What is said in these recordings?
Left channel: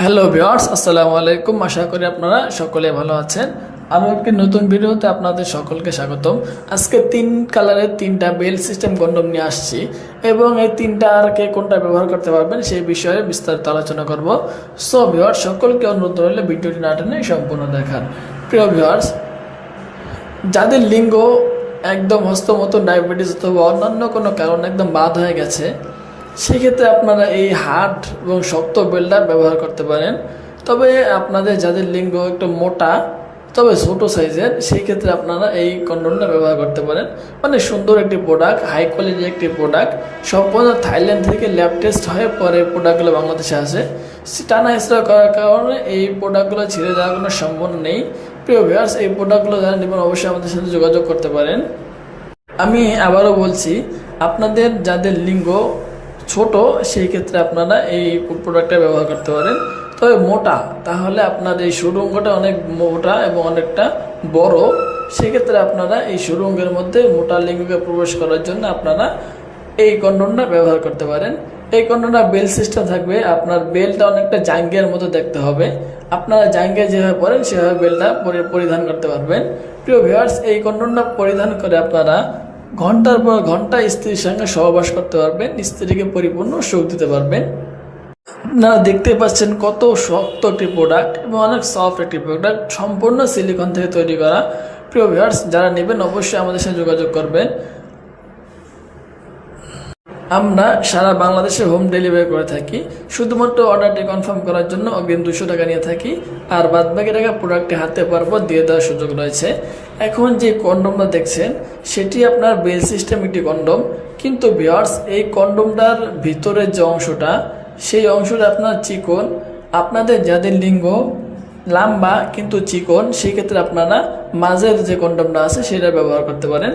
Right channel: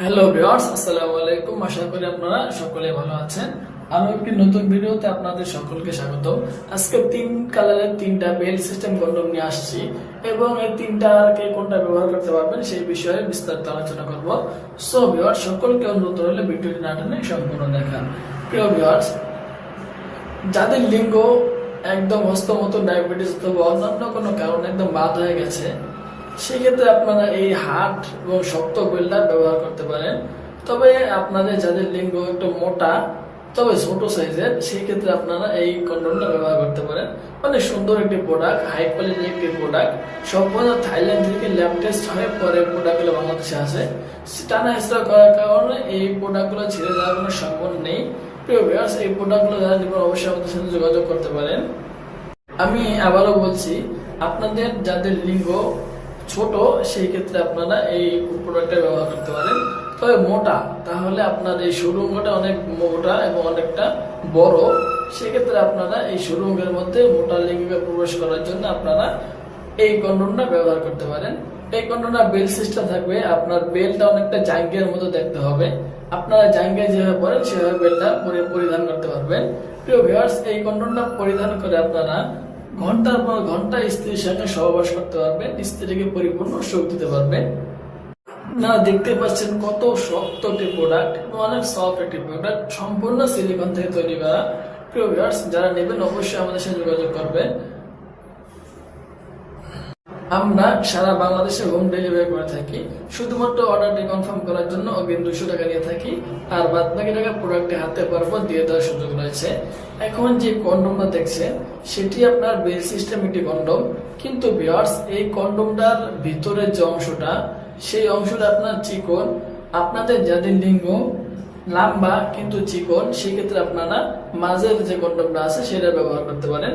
Hello viewers, আসসালামু আলাইকুম। আশা করি আপনারা সকলে ভালো আছেন। আরও একটি নতুন ভিডিওতে আপনাদের সকলকে স্বাগতম। আজকে তিন কালারের তিনটা বেল সিস্টেম কন্ডম নিয়ে আসছি এবং এই তিনটাকে কোনটা ব্যবহার করতে পারবেন সেই বিষয়ে বিস্তারিত আলোচনা করব। সো ভিউয়ার্স, সকলকে অনুরোধ রইলে ভিডিওটি না টেনে সম্পূর্ণ দেখান। প্রিয় ভিউয়ার্স, যাদের লিঙ্গ একদম হস্তমত ডায়াবেটিস অথবা অন্যান্য কোনো কারণে একদম বাদ হয়ে গেছে, সেক্ষেত্রে আপনারা এই হার্ড এবং শক্ত বেল্টটা ব্যবহার করতে পারেন। তবে আপনাদের যাদের লিঙ্গ একটু মোটা তবে ছোট সাইজের, সেই ক্ষেত্রে আপনারা এই কন্ডোমটা ব্যবহার করতে পারেন। মানে সুন্দর একটি প্রোডাক্ট, হাই কোয়ালিটির একটি প্রোডাক্ট, সম্পূর্ণ থাইল্যান্ড থেকে ল্যাব টেস্ট হয়ে পরে প্রোডাক্টগুলো বাংলাদেশে আসে। টানা হেঁচড়া করার কারণে এই প্রোডাক্টগুলো ছিঁড়ে যাওয়ার কোনো সম্ভাবনা নেই। প্রিয় ভিউয়ার্স, এই প্রোডাক্টগুলো যারা নেবেন অবশ্যই আমাদের সাথে যোগাযোগ করতে পারেন। আমি আবারও বলছি, আপনাদের যাদের লিঙ্গ ছোট সেই ক্ষেত্রে আপনারা এই প্রোডাক্টটা ব্যবহার করতে পারেন। তবে মোটা, তাহলে আপনার এই সুরঙ্গটা অনেক মোটা এবং অনেকটা বড়, সেক্ষেত্রে আপনারা এই সুরঙ্গের মধ্যে মোটা লিঙ্গকে প্রবেশ করার জন্য আপনারা এই কন্ডোমটা ব্যবহার করতে পারেন। এই কন্ডোমটা বেল সিস্টেম থাকবে। আপনার বেলটা অনেকটা জাঙ্গিয়ার মতো দেখতে হবে। আপনারা জাঙ্গিয়া যেভাবে পরেন সেভাবে বেলটা পরিধান করতে পারবেন। প্রিয় ভিউয়ার্স, এই কন্ডোমটা পরিধান করে আপনারা ঘন্টার পর ঘন্টা স্ত্রীর সঙ্গে সহবাস করতে পারবেন, স্ত্রীকে পরিপূর্ণ সুখ দিতে পারবেন। আপনারা দেখতে পাচ্ছেন কত শক্ত একটি প্রোডাক্ট এবং অনেক সফট একটি প্রোডাক্ট, সম্পূর্ণ সিলিকন থেকে তৈরি করা। প্রিয় ভিউয়ার্স, যারা নেবেন অবশ্যই আমাদের সাথে যোগাযোগ করবেন। আমরা সারা বাংলাদেশে হোম ডেলিভারি করে থাকি। শুধুমাত্র অর্ডারটি কনফার্ম করার জন্য অগ্রিম 200 টাকা নিয়ে থাকি, আর বাদ বাকি টাকা প্রোডাক্টটি হাতে পারবো দিয়ে দেওয়ার সুযোগ রয়েছে। এখন যে কন্ডোমটা দেখছেন সেটি আপনার বেল সিস্টেম একটি কন্ডোম, কিন্তু ভিউয়ার্স, এই কন্ডোমটার ভিতরের যে অংশটা সেই অংশটা আপনার চিকন। আপনাদের যাদের লিঙ্গ লম্বা কিন্তু চিকন, সেই ক্ষেত্রে আপনারা মাঝের যে কন্ডোমটা আছে সেটা ব্যবহার করতে পারেন।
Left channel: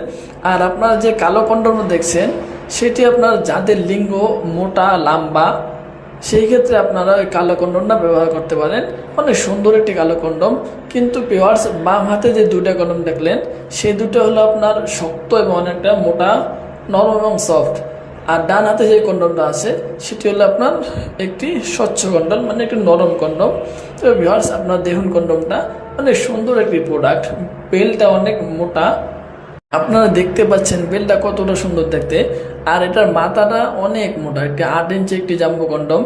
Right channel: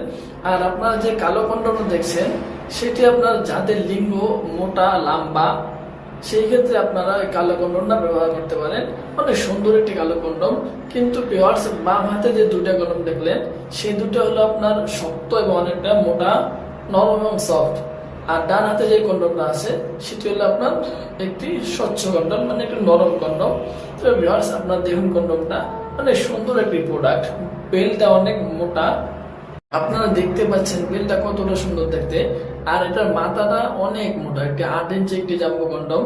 আর আপনারা যে কালো কন্ডোমটা দেখছেন সেটি আপনার যাদের লিঙ্গ মোটা লম্বা, সেই ক্ষেত্রে আপনারা ওই কালো কন্ডোমটা ব্যবহার করতে পারেন। অনেক সুন্দর একটি কালো কন্ডোম। কিন্তু ভিউয়ার্স, বাম হাতে যে দুটা কন্ডোম দেখলেন সেই দুটো হলো আপনার শক্ত এবং অনেকটা মোটা, নরম এবং সফট। আর ডান হাতে যে কন্ডোমটা আছে সেটি হলো আপনার একটি স্বচ্ছ কন্ডোম, মানে একটি নরম কন্ডোম। তো ভিউয়ার্স, আপনার দেখুন কন্ডোমটা অনেক সুন্দর একটি প্রোডাক্ট। বেলটা অনেক মোটা, আপনারা দেখতে পাচ্ছেন বেলটা কতটা সুন্দর দেখতে। আর এটার মাথাটা অনেক মোটা, একটি 8 ইঞ্চি একটি জাম্বো কন্ডোম।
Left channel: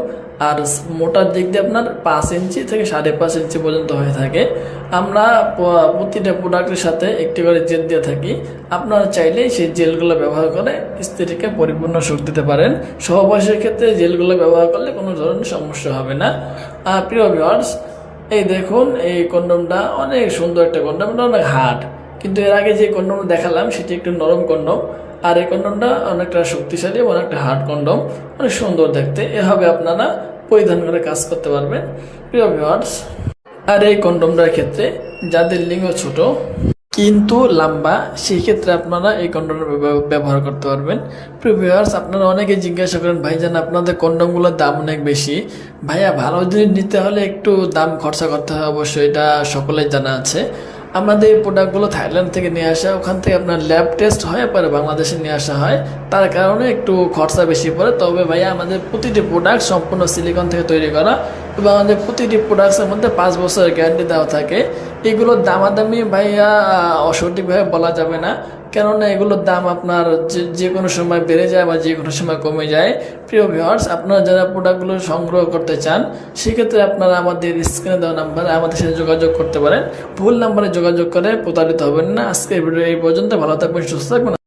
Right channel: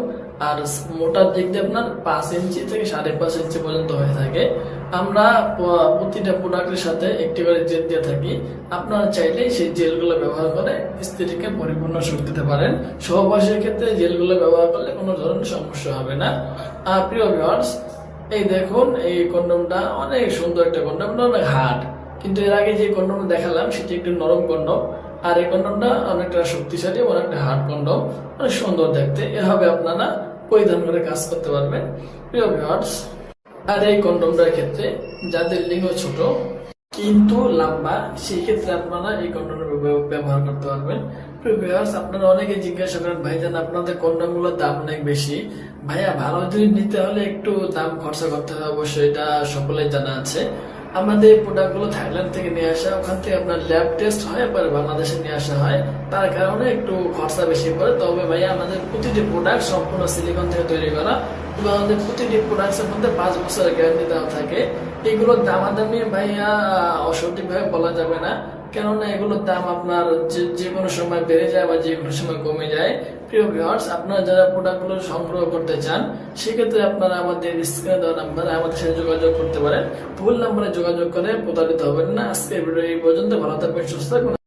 আর মোটার দিক দিয়ে আপনার 5 ইঞ্চি থেকে 5.5 ইঞ্চি পর্যন্ত হয়ে থাকে। আমরা প্রতিটা প্রোডাক্টের সাথে একটি করে জেল দিয়ে থাকি। আপনারা চাইলে সেই জেলগুলো ব্যবহার করে স্ত্রীকে পরিপূর্ণ সুখ দিতে পারেন। সহবাসের ক্ষেত্রে জেলগুলো ব্যবহার করলে কোনো ধরনের সমস্যা হবে না। প্রিয় ভিউয়ার্স, এই দেখুন এই কন্ডোমটা অনেক সুন্দর একটা কন্ডোম, অনেক হার্ড। কিন্তু এর আগে যে কন্ডোমটা দেখালাম সেটি একটু নরম কন্ডোম, আর এই কন্ডোমটা অনেকটা শক্তিশালী এবং অনেকটা হার্ড কন্ডোম, অনেক সুন্দর দেখতে। এভাবে আপনারা পরিধান করে কাজ করতে পারবেন। প্রিয় ভিউয়ার্স, আর এই কন্ডোমটার ক্ষেত্রে যাদের লিঙ্গ ছোট কিন্তু লম্বা, সেই ক্ষেত্রে আপনারা এই কন্ডোমটা ব্যবহার করতে পারবেন। প্রিয় ভিউয়ার্স, আপনারা অনেকে জিজ্ঞাসা করেন, ভাইজান আপনাদের কন্ডোমগুলোর দাম অনেক বেশি। ভাইয়া, ভালো জিনিস নিতে হলে একটু দাম খরচা করতে হয়, অবশ্যই এটা সকলেই জানা আছে। আমাদের এই প্রোডাক্টগুলো থাইল্যান্ড থেকে নিয়ে আসা, ওখান থেকে আপনার ল্যাব টেস্ট হয়ে পরে বাংলাদেশে নিয়ে আসা হয়, তার কারণে একটু খরচা বেশি পড়ে। তবে ভাইয়া, আমাদের প্রতিটি প্রোডাক্ট সম্পূর্ণ সিলিকন থেকে তৈরি করা এবং আমাদের প্রতিটি প্রোডাক্টের মধ্যে 5 বছরের গ্যারান্টি দেওয়া থাকে। এগুলোর দামাদামি ভাইয়া সঠিকভাবে বলা যাবে না, কেননা এগুলোর দাম আপনার যে কোনো সময় বেড়ে যায় বা যে কোনো সময় কমে যায়। প্রিয় ভিউয়ার্স, আপনারা যারা প্রোডাক্টগুলো সংগ্রহ করতে চান সেক্ষেত্রে আপনারা আমাদের স্ক্রিনে দেওয়া নাম্বারে আমাদের সাথে যোগাযোগ করতে পারেন। ভুল নাম্বারে যোগাযোগ করে প্রতারিত হবেন না। আজকে ভিডিও এই পর্যন্ত। ভালো থাকবেন, সুস্থ থাকবেন।